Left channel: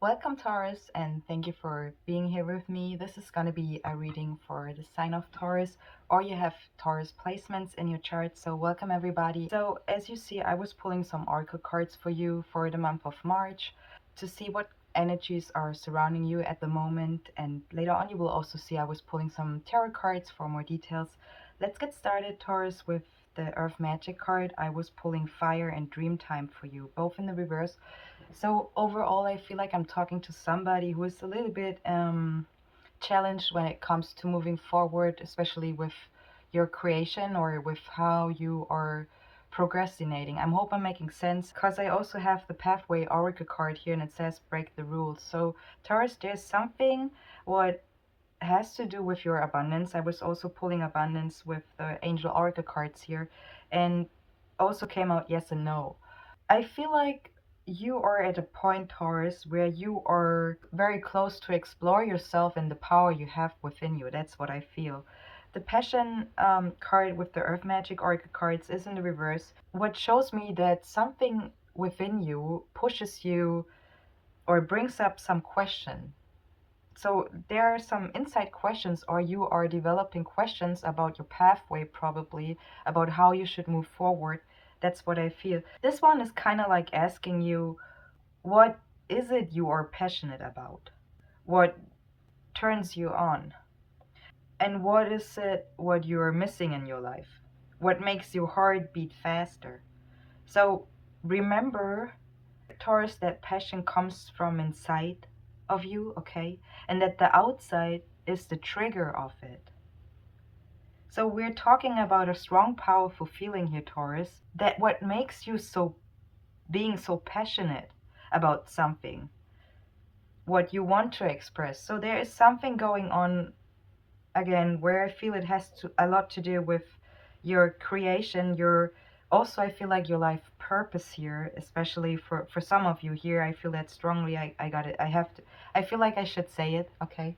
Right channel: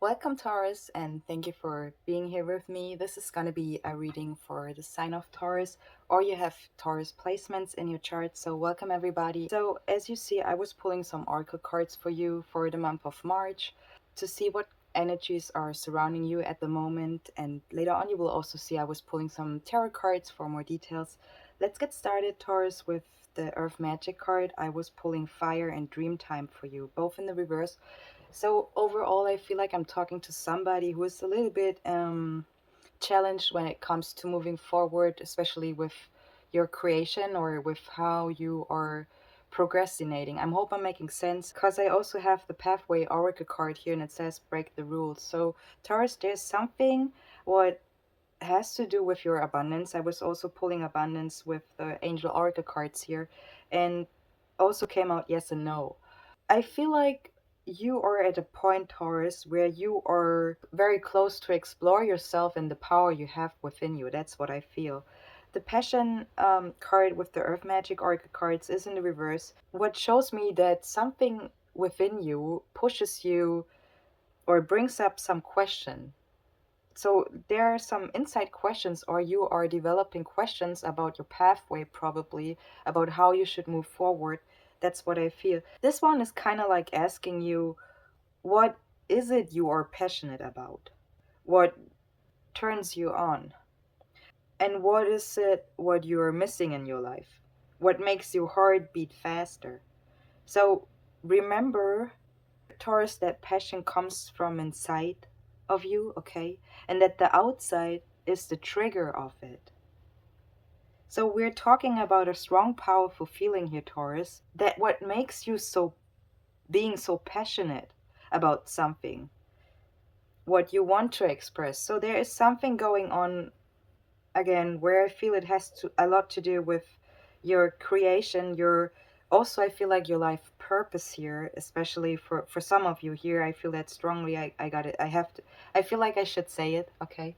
Welcome, Taurus, and thank you for being here with me. This is going to be a reading for the sign of Taurus, or you have Taurus placements in your chart. So, welcome everybody. So, as you see, I was pulling some oracle cards for you for the month of March to see what energies are surrounding you at the moment. And later on, you will also see I was pulling some tarot cards for more details. Let's get started, Taurus, with the Earth Magic card. I was pulling Fire and Dreamtime for you, both in the reverse. So overall, I feel like I'm talking to somebody who is a little bit challenged when it comes to moving forward, especially with your creation or with how you are procrastinating. I hope I'm making sense because I also have the Pathway Oracle card here and it says break the rules. So Taurus, there's something what has to do with your abundance. I was also pulling abundance with the Angel Oracle cards here and also came out yes and no. I feel like you are at a point, Taurus, where you are very close to explore yourself and the power you have within you. That's what I feel. The Passion card with the Earth Magic Oracle cards is in the reverse. What shows me that something within you pushes you or brings up some question. So there are some inside questions, or you are developing questions about your pathway, probably about how you should move forward. That's what I feel. This one is kind of like asking you, what is it you are passionate about? What turns you on? And what is it what you are missing in your life? What makes your heart beat faster? So remember, Taurus, that passion comes from inside of you, okay? And that the outside is the trigger of it. So we're talking about a strong, powerful feeling here, Taurus, that what makes you so being so passionate about something, what you want to express. So there is something going on again where I feel it has to a lot to do with your creation, your also I feel like your life purpose here, especially for some of you here. I feel that strongly. I got it. I have to. I feel like I should say it. Okay,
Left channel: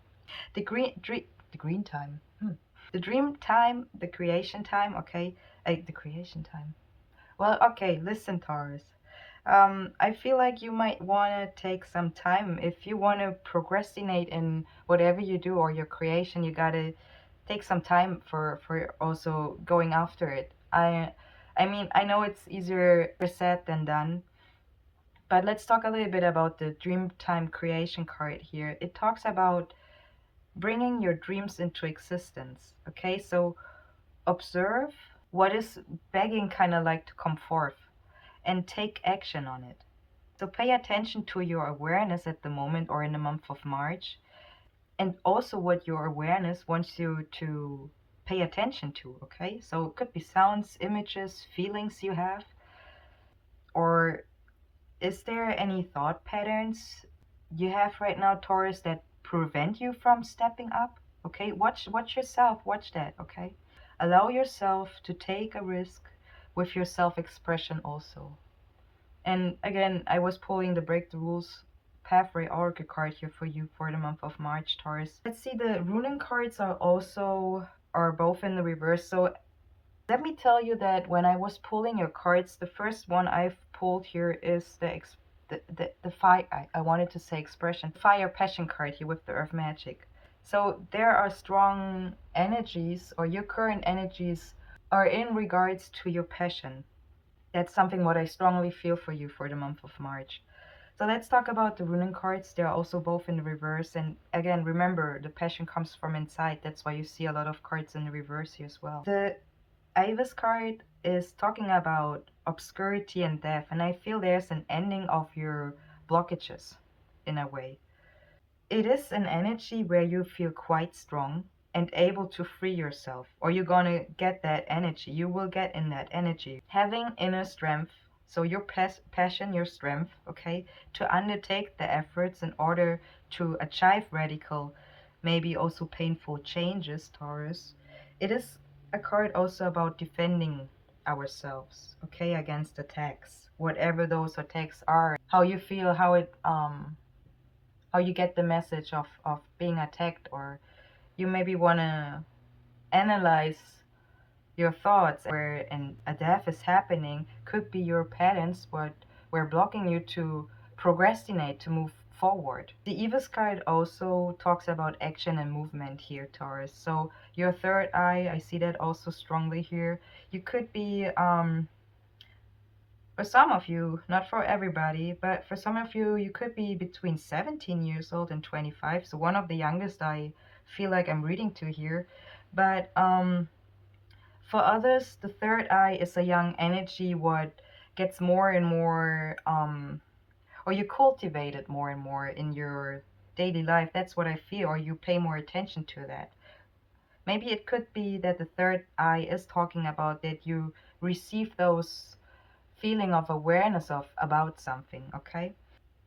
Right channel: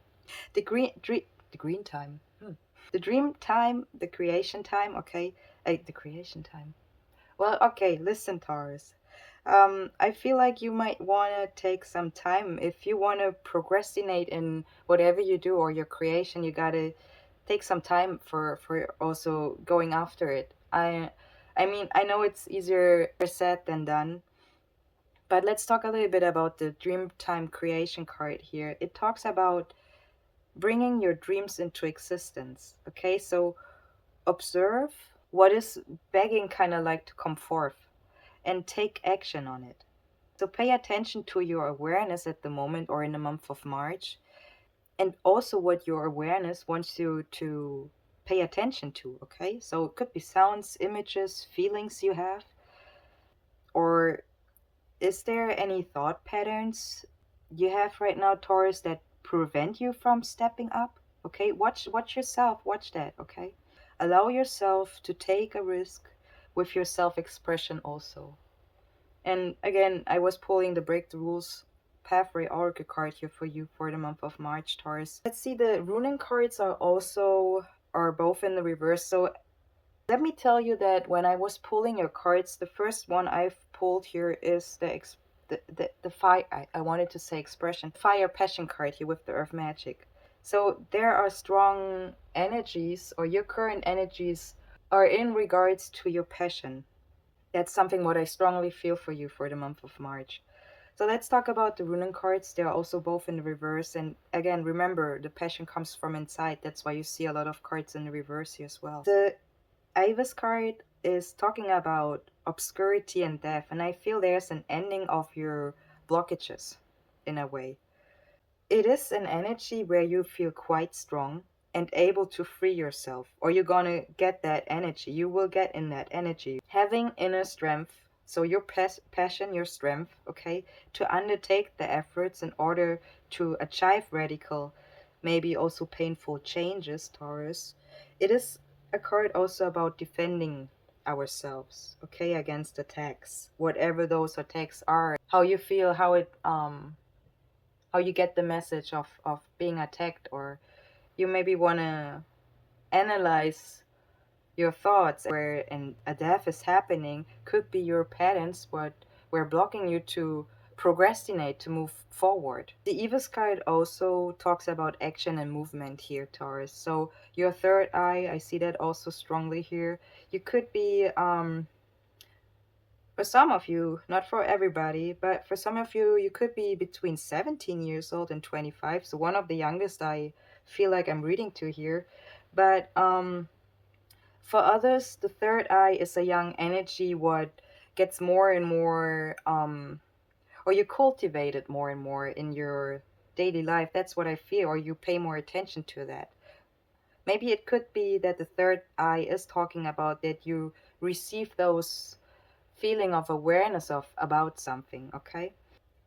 the green time. The dream time, the creation time. Okay, the creation time. Well, okay. Listen, Taurus. I feel like you might want to take some time if you want to procrastinate in whatever you do or your creation. You gotta take some time for also going after it. I mean, I know it's easier said than done, but let's talk a little bit about the Dreamtime Creation card here. It talks about bringing your dreams into existence. Okay, so observe what is begging kind of like to come forth and take action on it. So pay attention to your awareness at the moment or in the month of March, and also what your awareness wants you to pay attention to. Okay, so it could be sounds, images, feelings you have, or is there any thought patterns you have right now, Taurus, that prevent you from stepping up? Okay, watch yourself, watch that. Okay, allow yourself to take a risk with your self-expression also. And again, I was pulling the Break the Rules Pathway Oracle card here for you for the month of March, Taurus. Let's see, the runing cards are both in the reverse. So let me tell you that when I was pulling your cards, the first one I've pulled here is the fire. I wanted to say expression. Fire Passion card here with the Earth Magic. So there are strong energies, or your current energies are in regards to your passion. That's something what I strongly feel for you for the month of March. So let's talk about the runen cards. They are also both in the reverse. And again, remember, the passion comes from inside. That's why you see a lot of cards in the reverse here as well. The Iris card is talking about obscurity and death. And I feel there's an ending of your blockages in a way. It is an energy where you feel quite strong and able to free yourself, or you're gonna get that energy. You will get in that energy. Having inner strength, so your passion, your strength, okay, to undertake the efforts in order to achieve radical, maybe also painful changes, Taurus. It is a card also about defending ourselves, okay, against attacks, whatever those attacks are. How you feel, how you get the message of being attacked, or you maybe want to analyze your thoughts where a death is happening. Could be your parents what were blocking you to procrastinate to move forward. The Evis card also talks about action and movement here, Taurus. So your third eye, I see that also strongly here. You could be, for some of you, not for everybody, but for some of you, you could be between 17 years old and 25. So one of the youngest I feel like I'm reading to here. But for others, the third eye is a young energy what gets more and more or you cultivate it more and more in your daily life. That's what I feel, or you pay more attention to that. Maybe it could be that the third eye is talking about that you receive those feeling of awareness of about something, okay?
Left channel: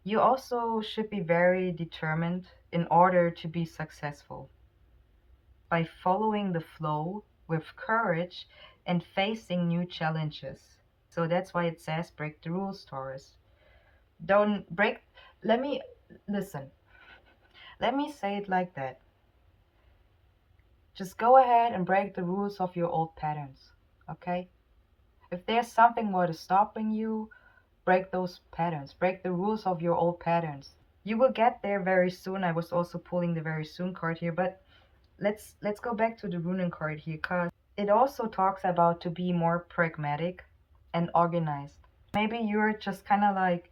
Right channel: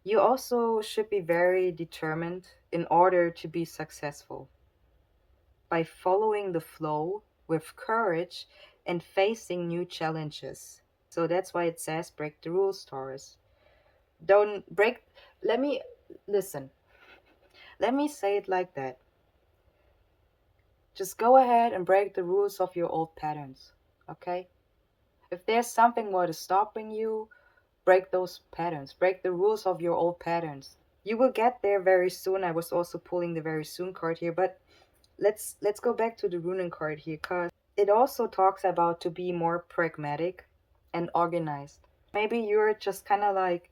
You also should be very determined in order to be successful by following the flow with courage and facing new challenges. So that's why it says break the rules, Taurus. Don't break. Let me listen. Let me say it like that. Just go ahead and break the rules of your old patterns, okay? If there's something what is stopping you, break those patterns. Break the rules of your old patterns. You will get there very soon. I was also pulling the very soon card here, but let's go back to the Runen card here, because it also talks about to be more pragmatic and organized. Maybe you're just kind of like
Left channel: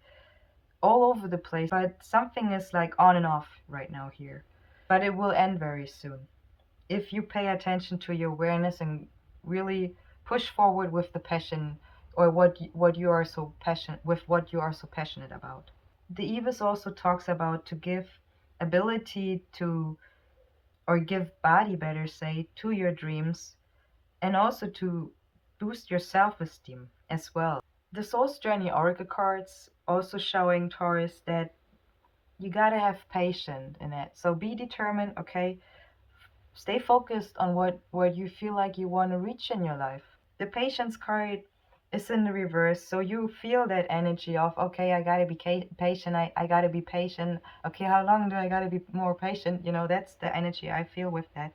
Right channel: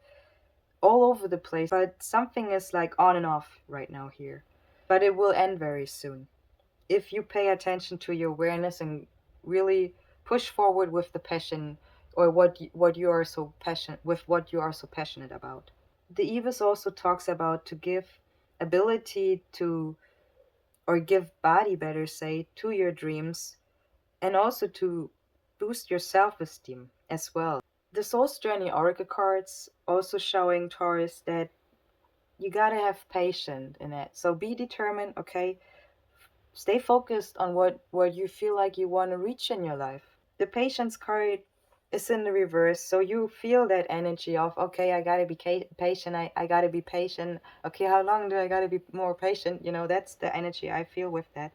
all over the place, but something is like on and off right now here. But it will end very soon if you pay attention to your awareness and really push forward with the passion or what you are so passionate with, what you are so passionate about. The Evis also talks about to give ability to, or give body better say, to your dreams, and also to boost your self-esteem as well. The Soul's Journey Oracle cards also showing Taurus that you gotta have patience in it. So be determined, okay? Stay focused on what you feel like you want to reach in your life. The patience card is in the reverse, so you feel that energy of, okay, I gotta be patient, I gotta be patient, okay, how long do I gotta be more patient, you know, that's the energy I feel with that.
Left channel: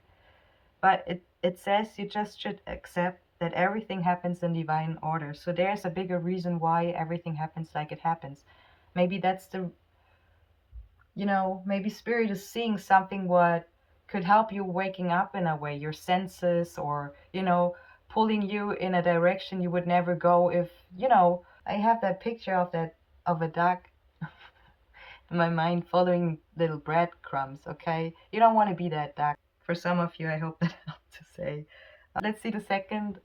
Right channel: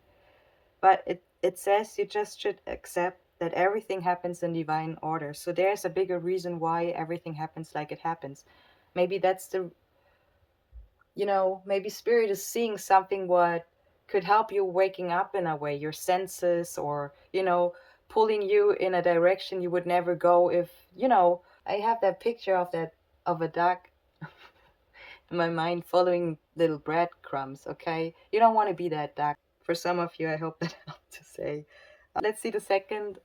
But it says you just should accept that everything happens in divine order. So there's a bigger reason why everything happens like it happens. Maybe that's the, you know, maybe spirit is seeing something what could help you waking up in a way, your senses, or, you know, pulling you in a direction you would never go if, you know, I have that picture of that, of a duck in my mind following little breadcrumbs, okay? You don't want to be that duck. For some of you, I hope that helped to say. Let's see the second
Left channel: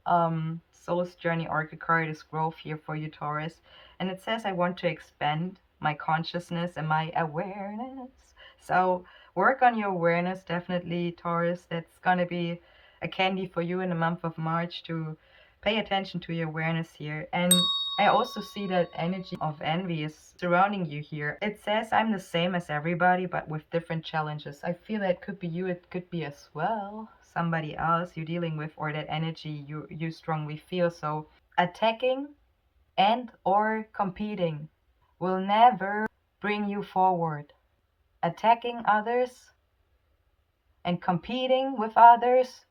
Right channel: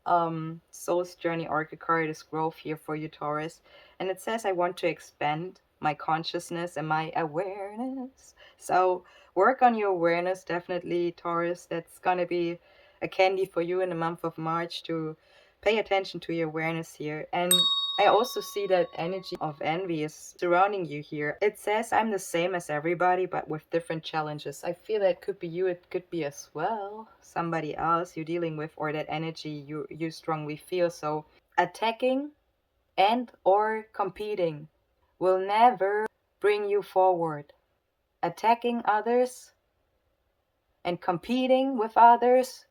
Soul's Journey Oracle card is growth here for you, Taurus. And it says, I want to expand my consciousness and my awareness. So work on your awareness, definitely, Taurus. That's going to be a candy for you in the month of March to pay attention to your awareness here. And I also see that energy of envy is surrounding you here. It says I'm the same as everybody, but with different challenges. I feel that could be you, it could be as well somebody else you're dealing with, or that energy you strongly feel. So attacking and or competing will never bring you forward. Attacking others and competing with others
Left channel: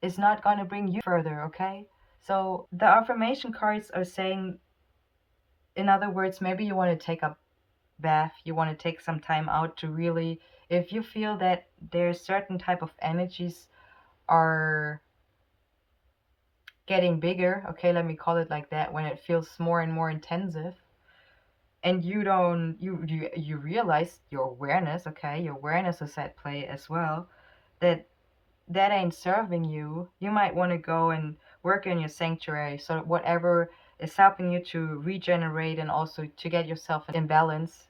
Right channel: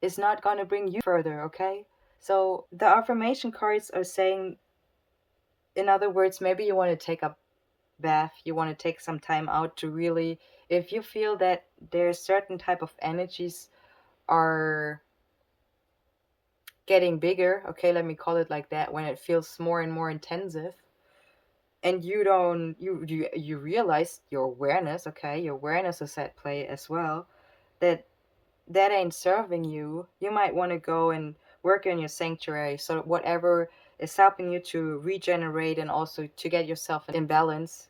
is not going to bring you further, okay? So the affirmation cards are saying, in other words, maybe you want to take a bath, you want to take some time out to really, if you feel that there's certain type of energies are getting bigger, okay, let me call it like that, when it feels more and more intensive, and you don't, you realize your awareness, okay, your awareness is at play as well, that that ain't serving you, you might want to go and work in your sanctuary. So whatever is helping you to regenerate and also to get yourself in balance,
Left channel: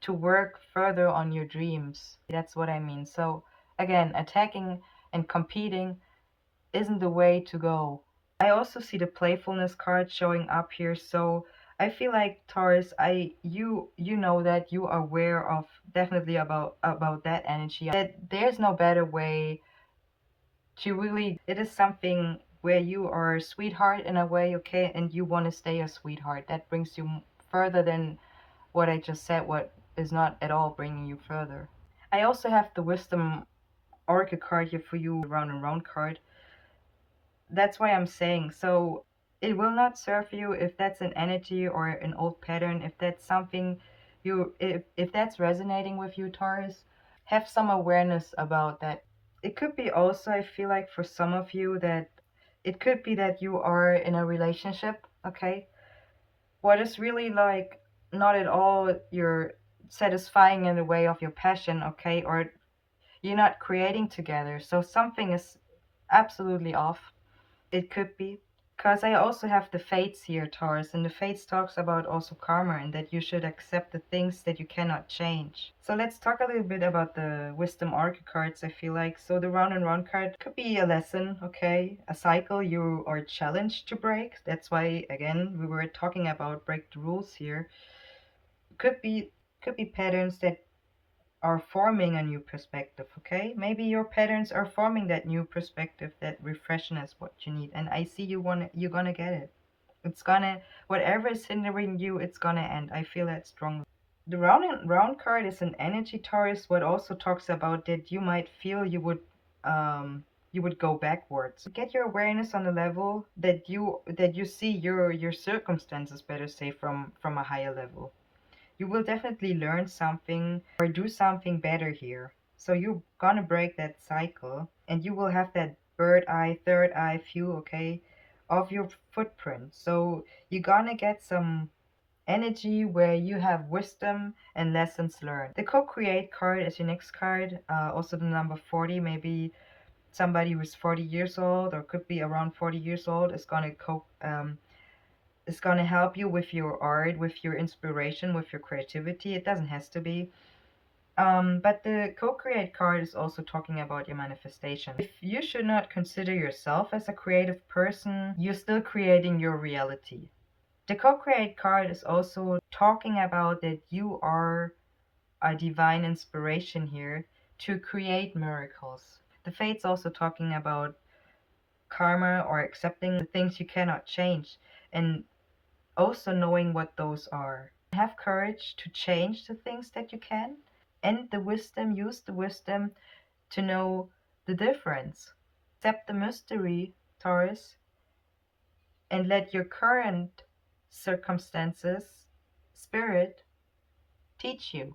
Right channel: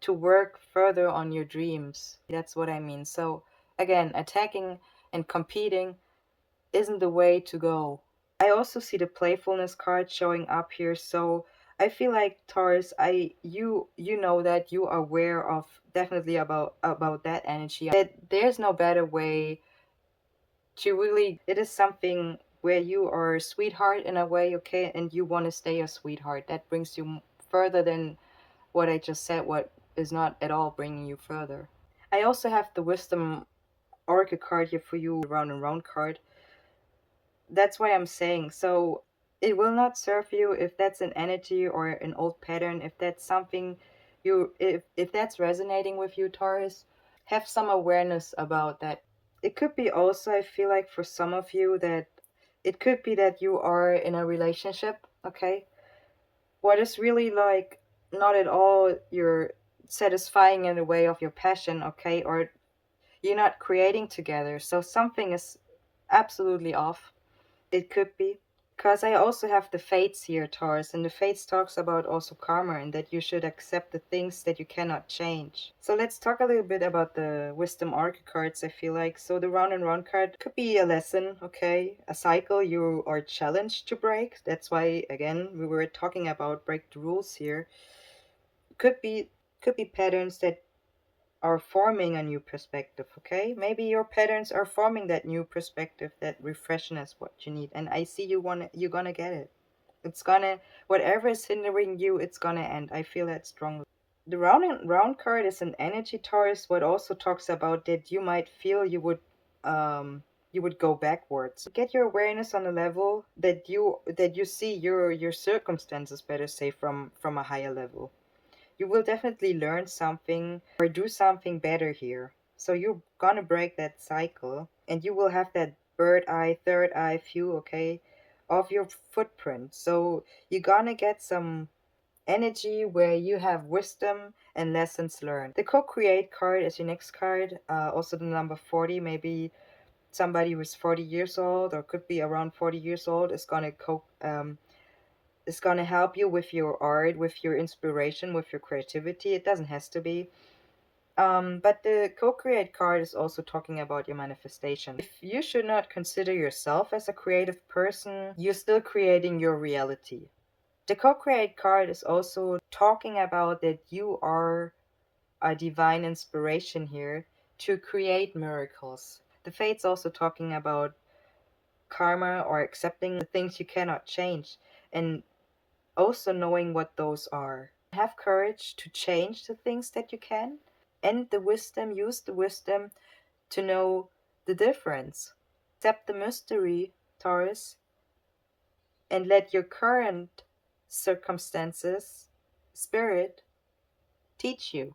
to work further on your dreams. That's what I mean. So again, attacking and competing isn't the way to go. I also see the playfulness card showing up here. So I feel like Taurus, you know that you are aware of definitely about that energy. That there's no better way to really, it is something where you are a sweetheart in a way, okay, and you want to stay a sweetheart. That brings you further than what I just said, what is not at all bringing you further. I also have the Wisdom Oracle card here for you, round and round card. That's why I'm saying, so it will not serve you if that's an energy or an old pattern, if that's something if that's resonating with you, Taurus, have some awareness about that. It could be also, I feel like for some of you, that it could be that you are in a relationship, okay? What is really like not at all you're satisfying in the way of your passion, okay? Or you're not creating together. So something is absolutely off. It could be. Because I also have the fates here, Taurus, and the fates talks about also karma and that you should accept the things that you cannot change. So let's talk a little bit about the wisdom oracle cards, I feel like. So the round and round card could be a lesson, okay? A cycle you are challenged to break. That's why again we were talking about break the rules here. Could be patterns that are forming a new perspective, okay? Maybe your patterns are forming that new perspective, that refreshness what you need. And I see you're gonna get it. It's gonna, whatever is hindering you, it's gonna end. I feel that strongly. The round and round card is an energy Taurus, what also talks about that you might feel you would go backwards. Get your awareness on a level that you see your circumstances, better say, from a higher level. You will definitely learn something or do something better here. So you're gonna break that cycle and you will have that bird eye, third eye view, okay, of your footprint. So you're gonna get some energy where you have wisdom and lessons learned. The co-create card is your next card. Also the number 40, maybe somebody who's 40 years old or could be around 40 years old is going to help you with your art, with your inspiration, with your creativity. It doesn't has to be. But the co-create card is also talking about your manifestation. If you should not consider yourself as a creative person, you're still creating your reality. The co-create card is also talking about that you are a divine inspiration here to create miracles. The fate's also talking about karma or accepting the things you cannot change and also knowing what those are. Have courage to change the things that you can, and the wisdom, use the wisdom to know the difference. Accept the mystery, Taurus, and let your current circumstances, spirit, teach you.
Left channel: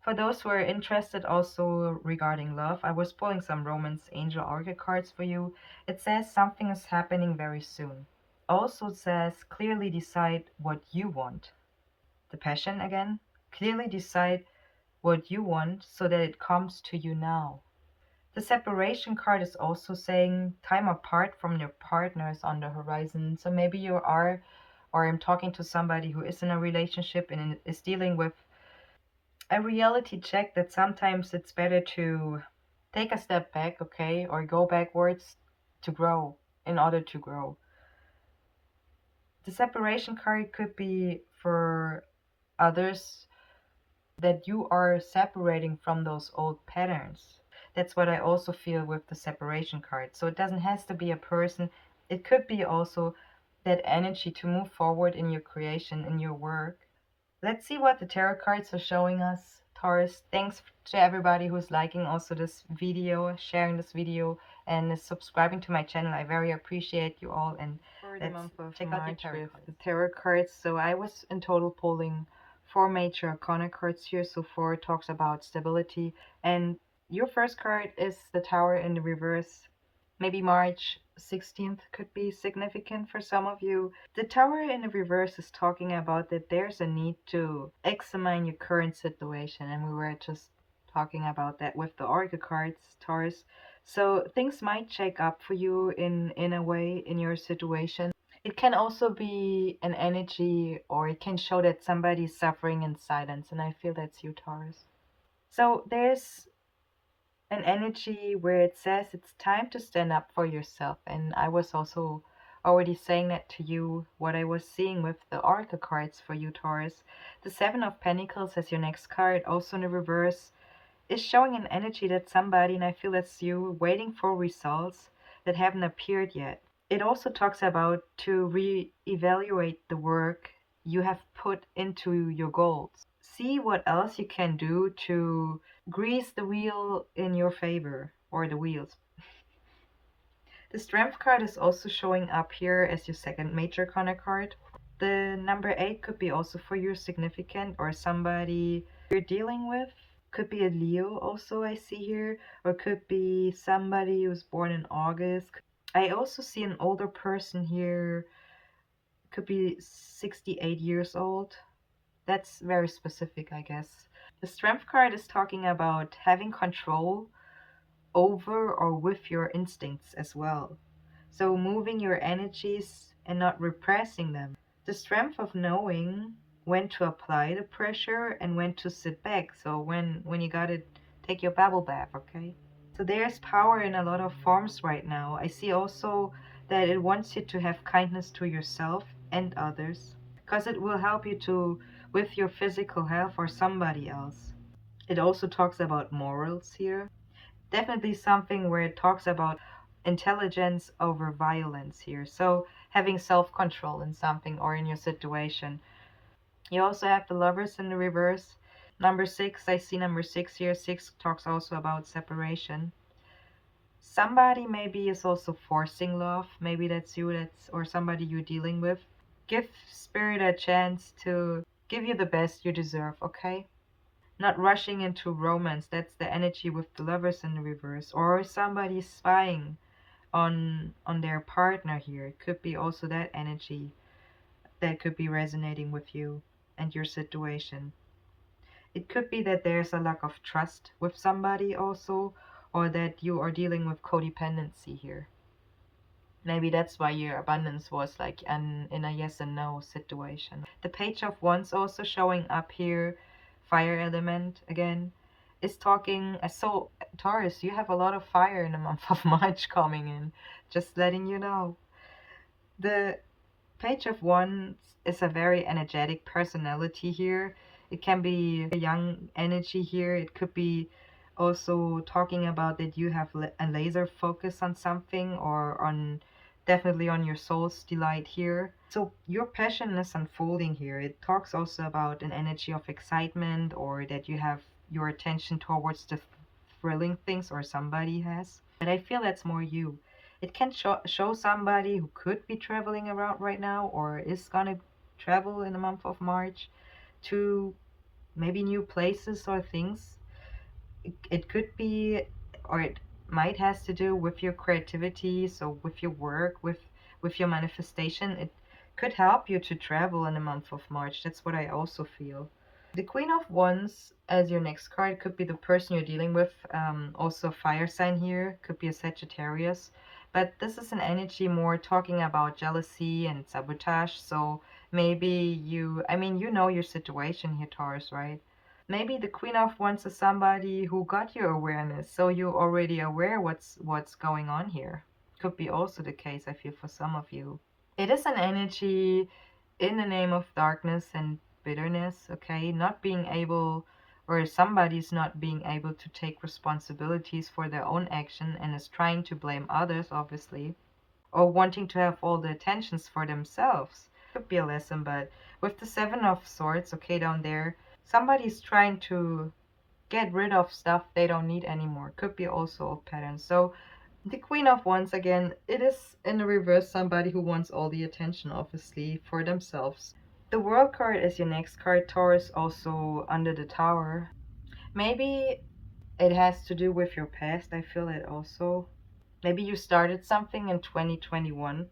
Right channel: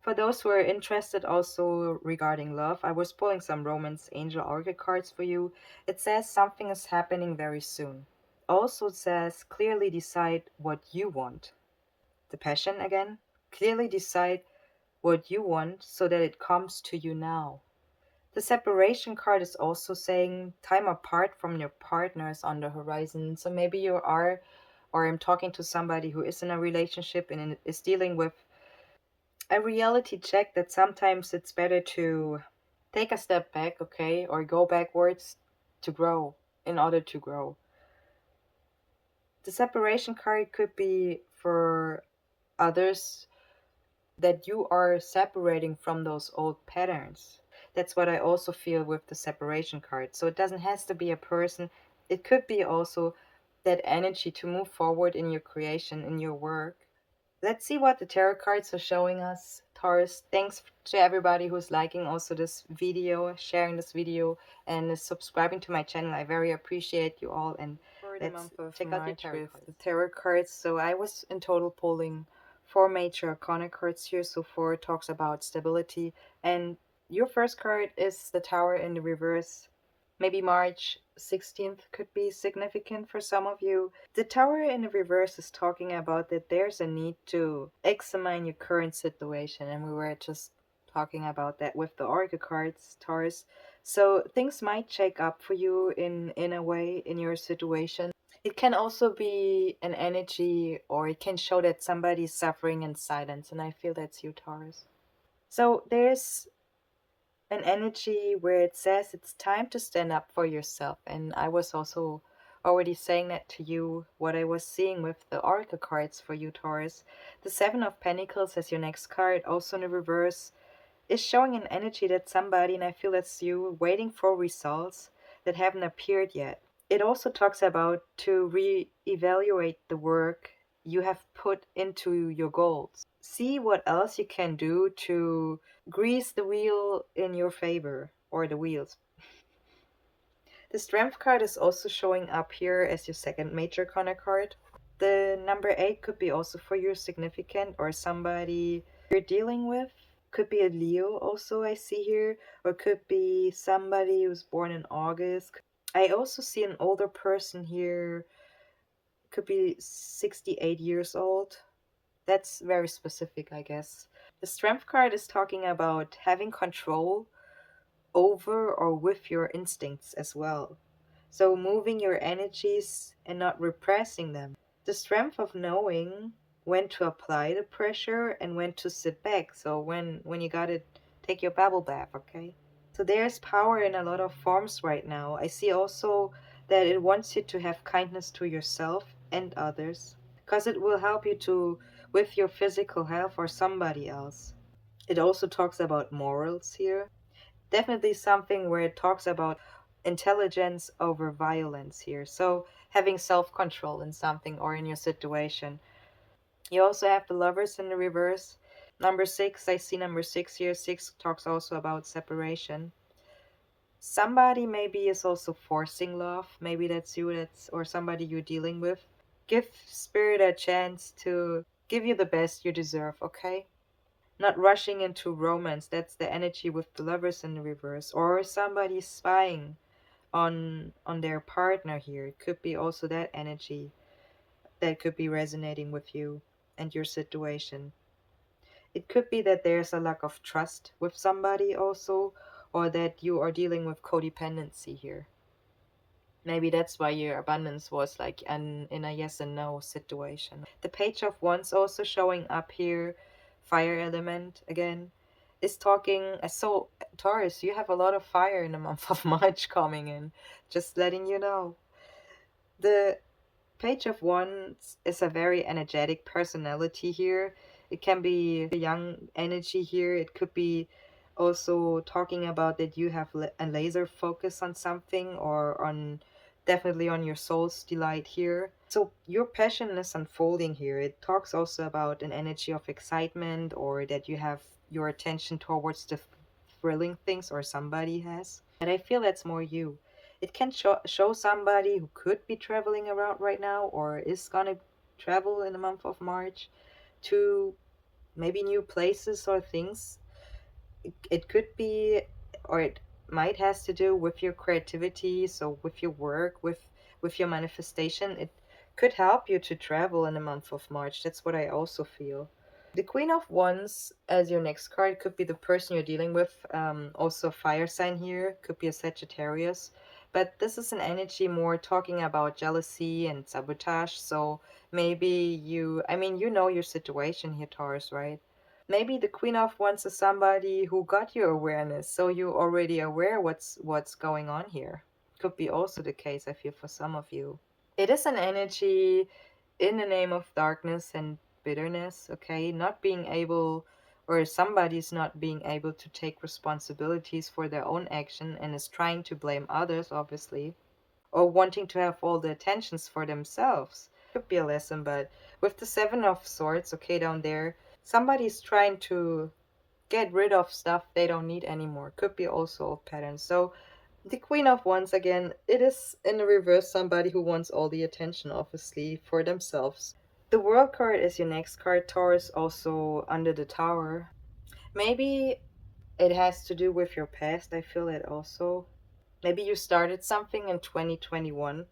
For those who are interested also regarding love, I was pulling some Romance Angel Oracle cards for you. It says something is happening very soon. Also says clearly decide what you want. The passion again. Clearly decide what you want so that it comes to you now. The separation card is also saying time apart from your partners on the horizon. So maybe you are, or I'm talking to somebody who is in a relationship and is dealing with a reality check that sometimes it's better to take a step back, okay, or go backwards to grow in order to grow. The separation card could be for others that you are separating from those old patterns. That's what I also feel with the separation card. So it doesn't has to be a person. It could be also that energy to move forward in your creation, in your work. Let's see what the tarot cards are showing us, Taurus. Thanks to everybody who's liking also this video, sharing this video, and is subscribing to my channel. I very appreciate you all. And for the month of check out March with the tarot cards. So I was in total pulling four major arcana cards here. So four talks about stability, and your first card is the Tower in the reverse. Maybe March 16th could be significant for some of you. The Tower in the reverse is talking about that there's a need to examine your current situation, and we were just talking about that with the Oracle cards, Taurus. So things might shake up for you in a way in your situation. It can also be an energy, or it can show that somebody's suffering in silence, and I feel that's you, Taurus. So there's an energy where it says it's time to stand up for yourself. And I was also already saying that to you, what I was seeing with the Oracle cards for you, Taurus. The Seven of Pentacles as your next card, also in the reverse, is showing an energy that somebody, and I feel it's you, waiting for results that haven't appeared yet. It also talks about to re-evaluate the work you have put into your goals. See what else you can do to grease the wheel in your favor, or the wheels. The Strength card is also showing up here as your second major arcana card. The number 8 could be also for your significant or somebody you're dealing with. Could be a Leo also, I see here, or could be somebody who's born in August. I also see an older person here, could be 68 years old. That's very specific, I guess. The Strength card is talking about having control over or with your instincts as well. So moving your energies and not repressing them. The strength of knowing when to apply the pressure and when to sit back. So when you gotta take your bubble bath, okay? So there's power in a lot of forms right now. I see also that it wants you to have kindness to yourself and others because it will help you to with your physical health or somebody else. It also talks about morals here. Definitely something where it talks about intelligence over violence here. So having self-control in something or in your situation. You also have the lovers in the reverse. Number 6, I see number 6 here. 6 talks also about separation. Somebody maybe is also forcing love. Maybe that's you, that's or somebody you're dealing with. Give spirit a chance to give you the best you deserve, okay? Not rushing into romance. That's the energy with the lovers in the reverse. Or somebody spying on their partner here. It could be also that energy that could be resonating with you and your situation. It could be that there's a lack of trust with somebody also, or that you are dealing with codependency here. Maybe that's why your abundance was like in a yes and no situation. The Page of Wands also showing up here, fire element again, is talking. So, Taurus, you have a lot of fire in the month of March coming in. Just letting you know. The Page of Wands is a very energetic personality here. It can be a young energy here. It could be also talking about that you have a laser focus on something or on definitely on your soul's delight here. So your passion is unfolding here. It talks also about an energy of excitement or that you have your attention towards the thrilling things or somebody has. But I feel that's more you. It can show somebody who could be traveling around right now or is gonna travel in the month of March to maybe new places or things. It could be, or it might has to do with your creativity, so with your work, with your manifestation. It could help you to travel in the month of March. That's what I also feel. The Queen of Wands as your next card could be the person you're dealing with. Also, fire sign here could be a Sagittarius, but this is an energy more talking about jealousy and sabotage. So maybe I mean, you know your situation here, Taurus, right? Maybe the Queen of Wands is somebody who got your awareness, so you're already aware what's going on here. Could be also the case, I feel, for some of you. It is an energy in the name of darkness and bitterness, okay? Not being able, or somebody's not being able to take responsibilities for their own action and is trying to blame others, obviously, or wanting to have all the attentions for themselves. Could be a lesson, but with the Seven of Swords, okay, down there, somebody's trying to get rid of stuff they don't need anymore. Could be also a pattern. So the Queen of Wands again, it is in the reverse somebody who wants all the attention, obviously, for themselves. The World card is your next card, Taurus, also under the Tower. Maybe it has to do with your past, I feel it also. Maybe you started something in 2021.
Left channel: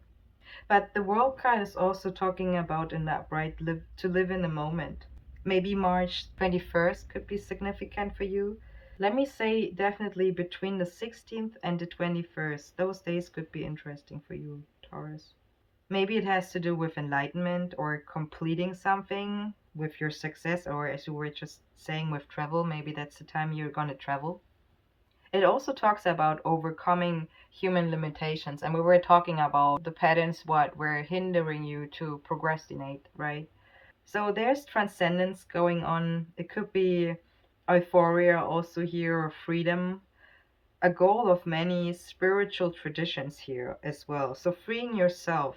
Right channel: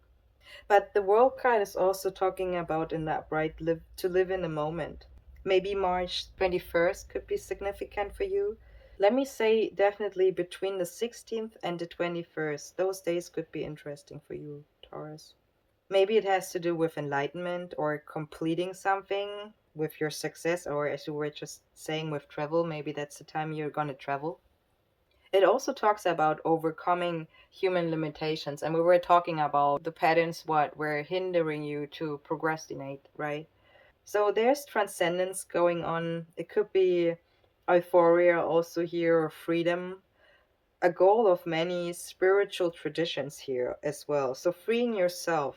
But the World card is also talking about an upright live to live in the moment. Maybe March 21st could be significant for you. Let me say definitely between the 16th and the 21st. Those days could be interesting for you, Taurus. Maybe it has to do with enlightenment or completing something with your success, or as you were just saying with travel, maybe that's the time you're going to travel. It also talks about overcoming human limitations, and we were talking about the patterns what were hindering you to procrastinate, right? So there's transcendence going on. It could be euphoria also here, or freedom, a goal of many spiritual traditions here as well. So freeing yourself,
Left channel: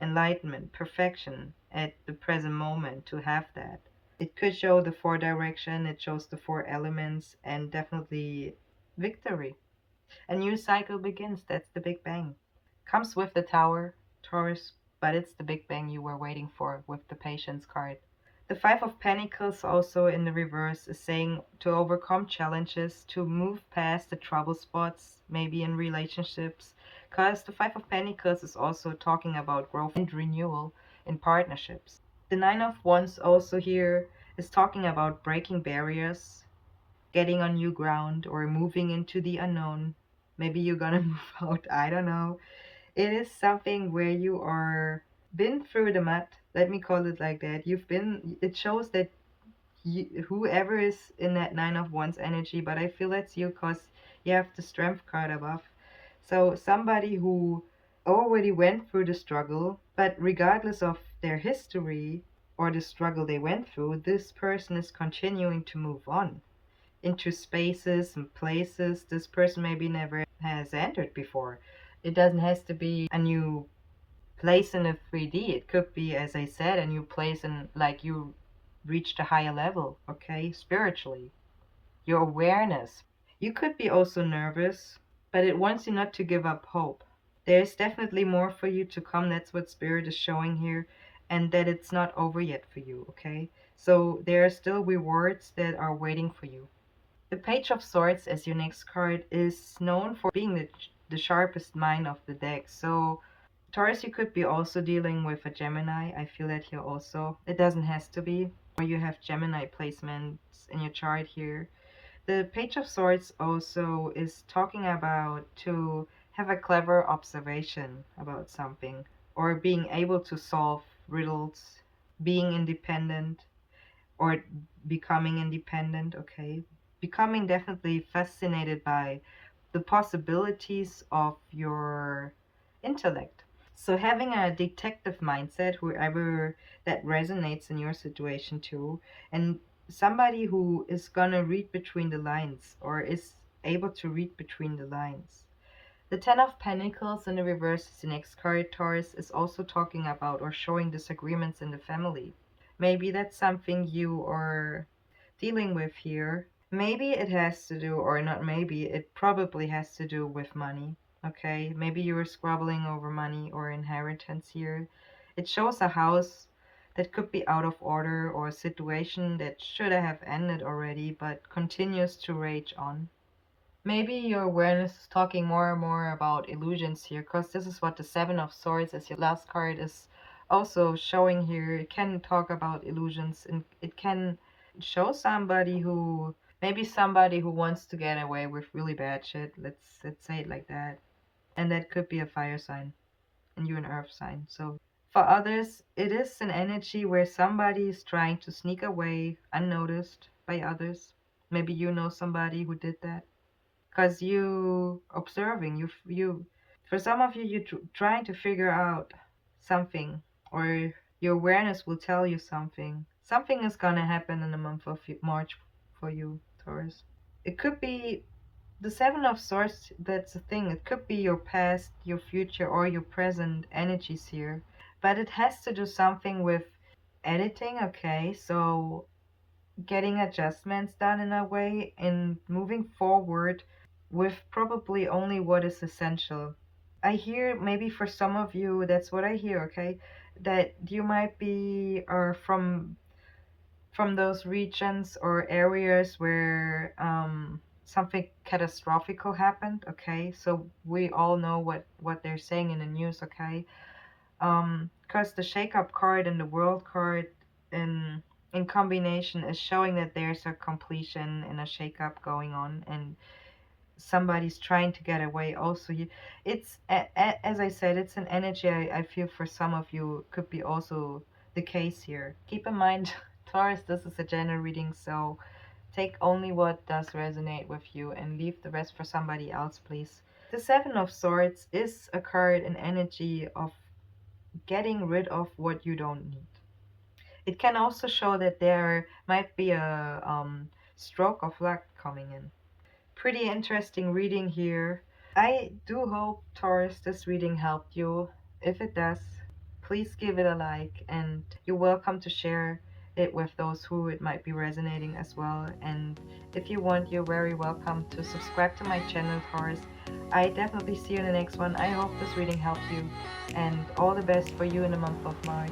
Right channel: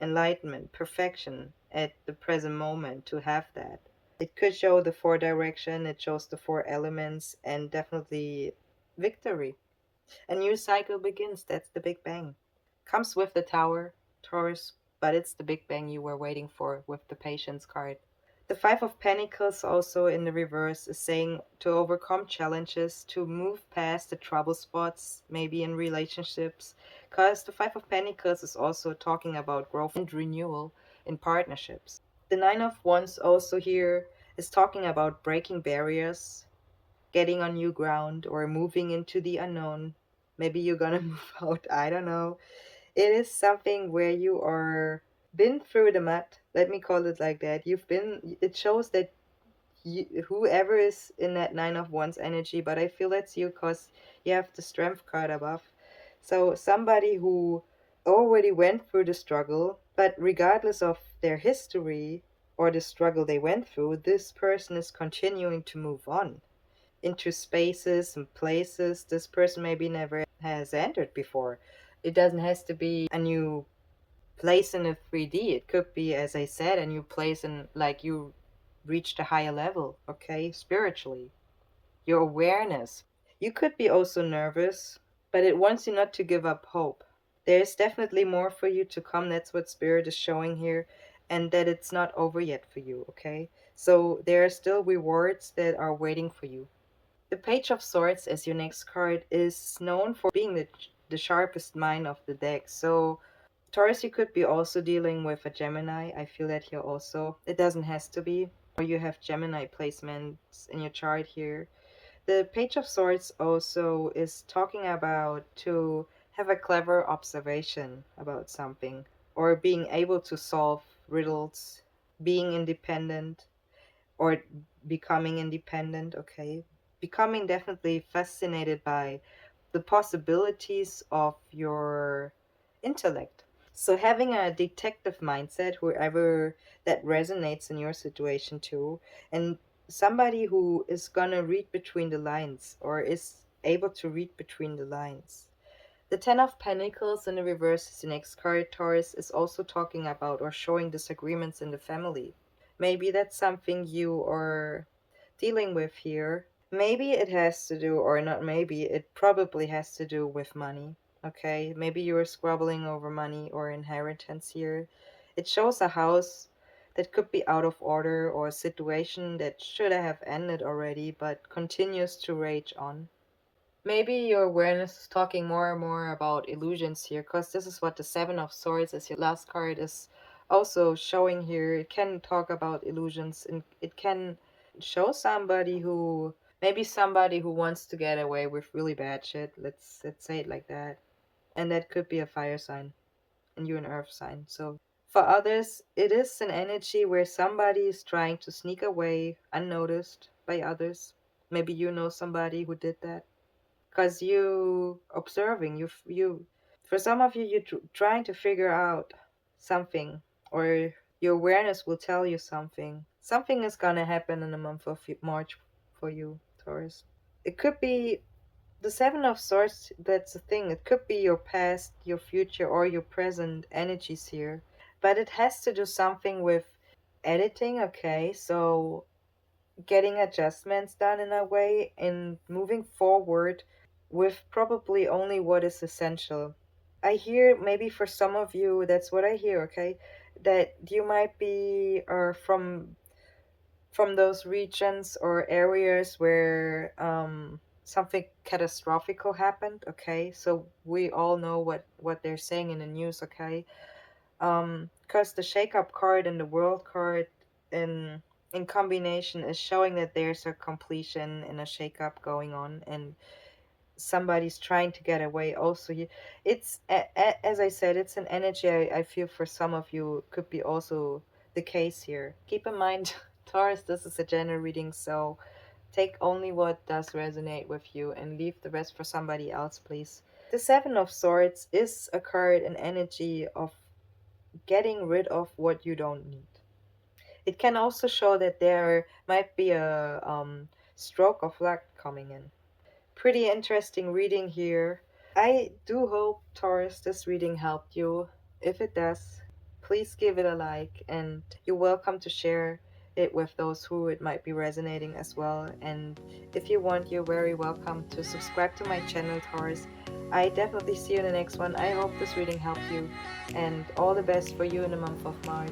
enlightenment, perfection at the present moment to have that. It could show the four direction, it shows the four elements, and definitely victory. A new cycle begins. That's the Big Bang. Comes with the Tower, Taurus. but it's the big bang you were waiting for with the patience card. The Five of Pentacles, also in the reverse, is saying to overcome challenges, to move past the trouble spots, maybe in relationships. Because the Five of Pentacles is also talking about growth and renewal in partnerships. The Nine of Wands, also here, is talking about breaking barriers, getting on new ground, or moving into the unknown. Maybe you're gonna move out, I don't know. It is something where you are been through the mud, let me call it like that. It shows that whoever is in that Nine of Wands energy, but I feel that's you because you have the Strength card above. So somebody who already went through the struggle, but regardless of their history or the struggle they went through, this person is continuing to move on into spaces and places this person maybe never has entered before. It doesn't has to be a new place in a 3D. It could be, as I said, a new place in, like, you reached a higher level, okay, spiritually. Your awareness. You could be also nervous, but it wants you not to give up hope. There's definitely more for you to come. That's what Spirit is showing here, and that it's not over yet for you, okay? So there are still rewards that are waiting for you. The Page of Swords as your next card is known for being the sharpest mind of the deck. So Taurus, you could be also dealing with a Gemini. I feel that here also. It doesn't has to be. Or you have Gemini placements in your chart here. The Page of Swords also is talking about to have a clever observation about something, or being able to solve riddles, being independent, or becoming independent, okay? Becoming definitely fascinated by the possibilities of your intellect. So having a detective mindset, whoever that resonates in your situation too, and somebody who is gonna read between the lines or is able to read between the lines. The Ten of Pentacles in the reverse is the next card, Taurus, is also talking about or showing disagreements in the family. Maybe that's something you are dealing with here. Maybe it has to do, or not maybe, it probably has to do with money. Okay, maybe you're squabbling over money or inheritance here. It shows a house that could be out of order, or a situation that should have ended already but continues to rage on. Maybe your awareness is talking more and more about illusions here, because this is what the Seven of Swords as your last card is also showing here. It can talk about illusions, and it can show somebody who, maybe somebody who wants to get away with really bad shit. Let's say it like that. And that could be a fire sign, and you're an earth sign. So for others, it is an energy where somebody is trying to sneak away unnoticed by others. Maybe you know somebody who did that because you observing, you for some of you, you're trying to figure out something, or your awareness will tell you something is gonna happen in the month of March for you, Taurus. It could be the Seven of Swords. That's the thing, it could be your past, your future, or your present energies here, but it has to do something with editing, okay? So getting adjustments done in a way and moving forward with probably only what is essential. I hear, maybe for some of you, that's what I hear, okay? That you might be from those regions or areas where something catastrophical happened, okay? So we all know what they're saying in the news, okay? Because the shake-up card and the world card in combination is showing that there's a completion and a shake-up going on, and somebody's trying to get away also. It's as I said, it's an energy I feel for some of you could be also the case here. Keep in mind, Taurus, this is a general reading, so take only what does resonate with you and leave the rest for somebody else, please. The Seven of Swords is a card, an energy of getting rid of what you don't need. It can also show that there might be a stroke of luck coming in. Pretty interesting reading here. I do hope, Taurus, this reading helped you. If it does, please give it a like, and you're welcome to share it with those who it might be resonating as well. And if you want, you're very welcome to subscribe to my channel, Taurus. I definitely see you in the next one. I hope this reading helped you, and all the best for you in the month of March.